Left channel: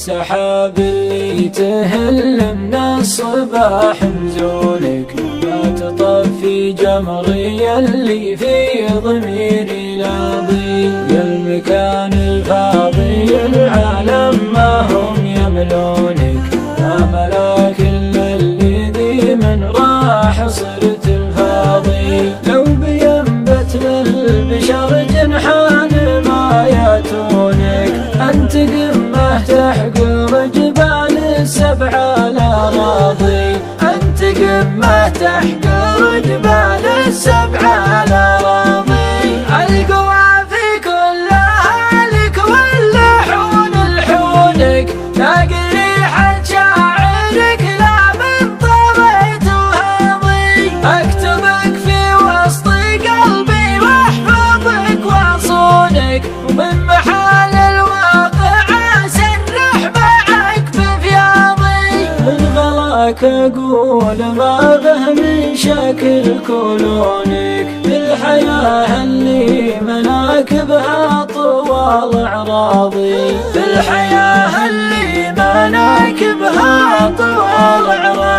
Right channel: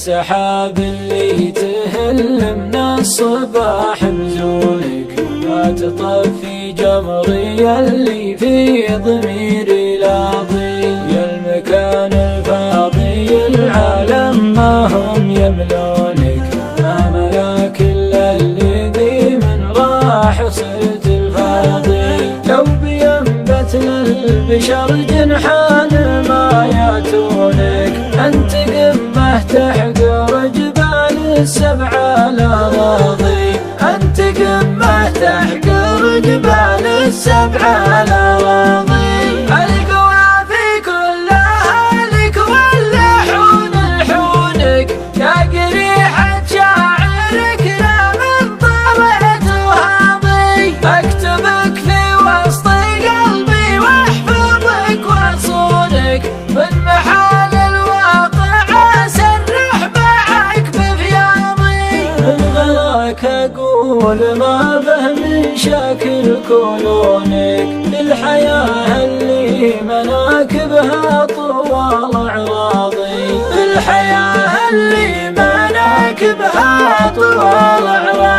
والسحاب اللي تهل من الصباح بزولك، ما تطفي جمري اللي في ضميري لاضي. يا المكان الفاضي العالم ما هم يملونك، ما ملاك الا الذي من راح صرت الفاضي. لو بينبت للبشر جنحان ما ياتونك، انت قمه تحقر جبال السبع الاراضي، انت قمه تحقر جبال السبع الاراضي. القوافي كلها لك واللحون لحونك، لاقي ريحه شاعرك لا من طريت وهاضي. اكتبك في وسط قلبي واحفظك واصونك، من محال الواقع اسرح معك بفياضي. الغلاك اقول ما به من شكل كلونك، الحياه اللي مناكبها طوال اعراضي، الحياه اللي مناكبها طوال اعراضي.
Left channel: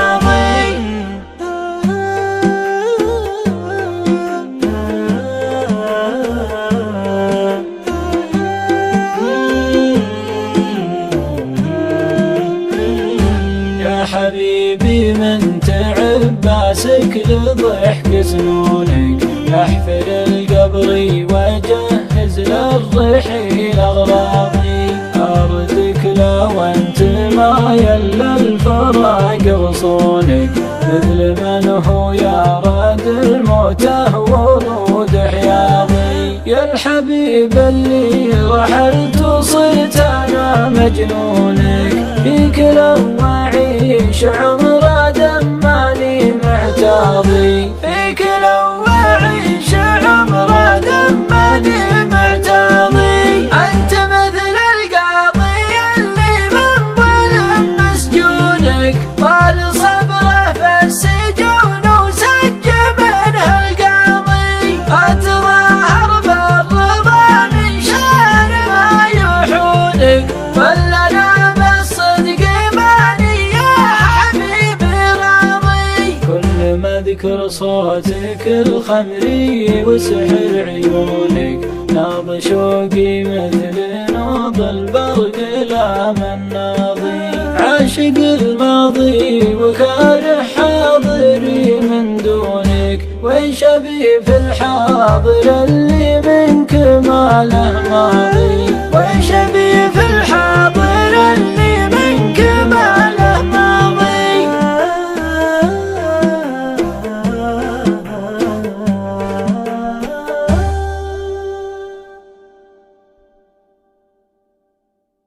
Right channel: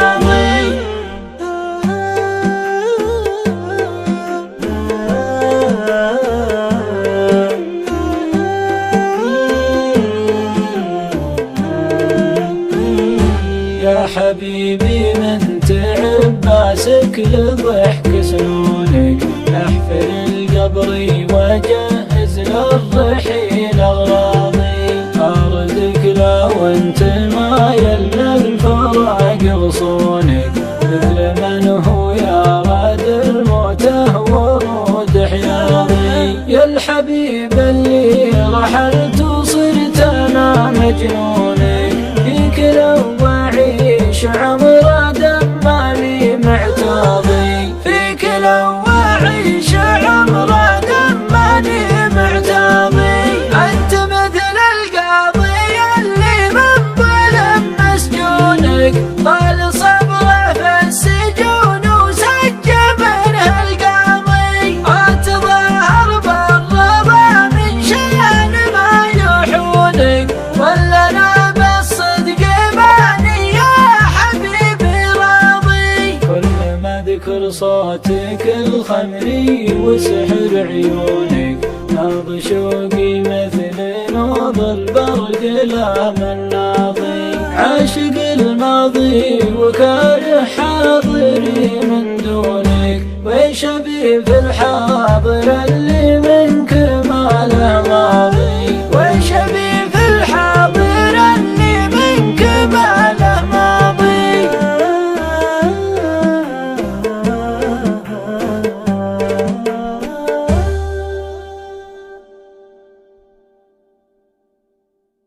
يا حبيبي من تعب باسك لضحك سنونك، احفر القبر وجهز للرحيل اغراضي. اردك لا وانت مايل للفراق غصونك، مثل من هو يا راد الموته ورود حياضي. يا الحبيب اللي رحلت وصرت انا مجنونك، فيك لو اعيش عمر دماني معتاضي، فيك لو اعيش عمر دماني معتاضي. انت مثل القاضي اللي من ظلم مسجونك، طال صبره في السجون وسج منه القاضي. اتظاهر بالرضا من شان ما يوحونك، ولا انا بالصدق ماني يا حبيبي راضي. كل ما اذكر صوتك الخمري وسحر عيونك، نابض شوقي مثل نوض البر لا من ناضي. عاشق الماضي وكاره حاضري من دونك، وين شبيه في الحاضر اللي من